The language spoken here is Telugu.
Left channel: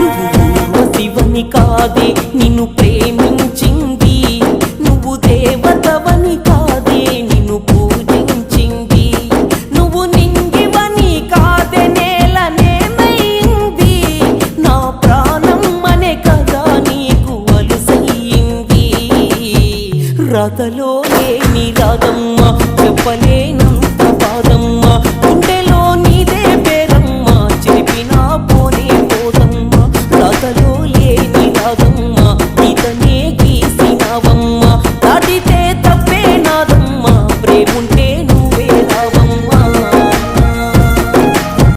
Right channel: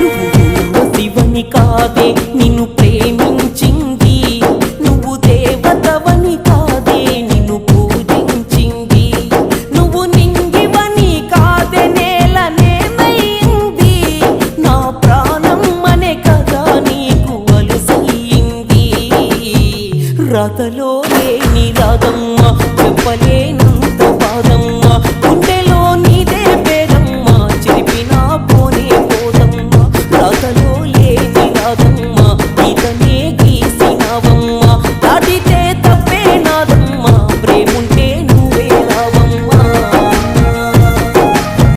నువ్వు ఊర్వశివని కాదే నిన్ను ప్రేమించింది, నువ్వు దేవతవని కాదే నిన్ను పూజించింది, నువ్వు నింగివని కాదే నేలనేమైంది, నా ప్రాణం అనే కదా నీకు అలుసయ్యింది. రాతలో లేని రాధమ్మ చెప్పలేను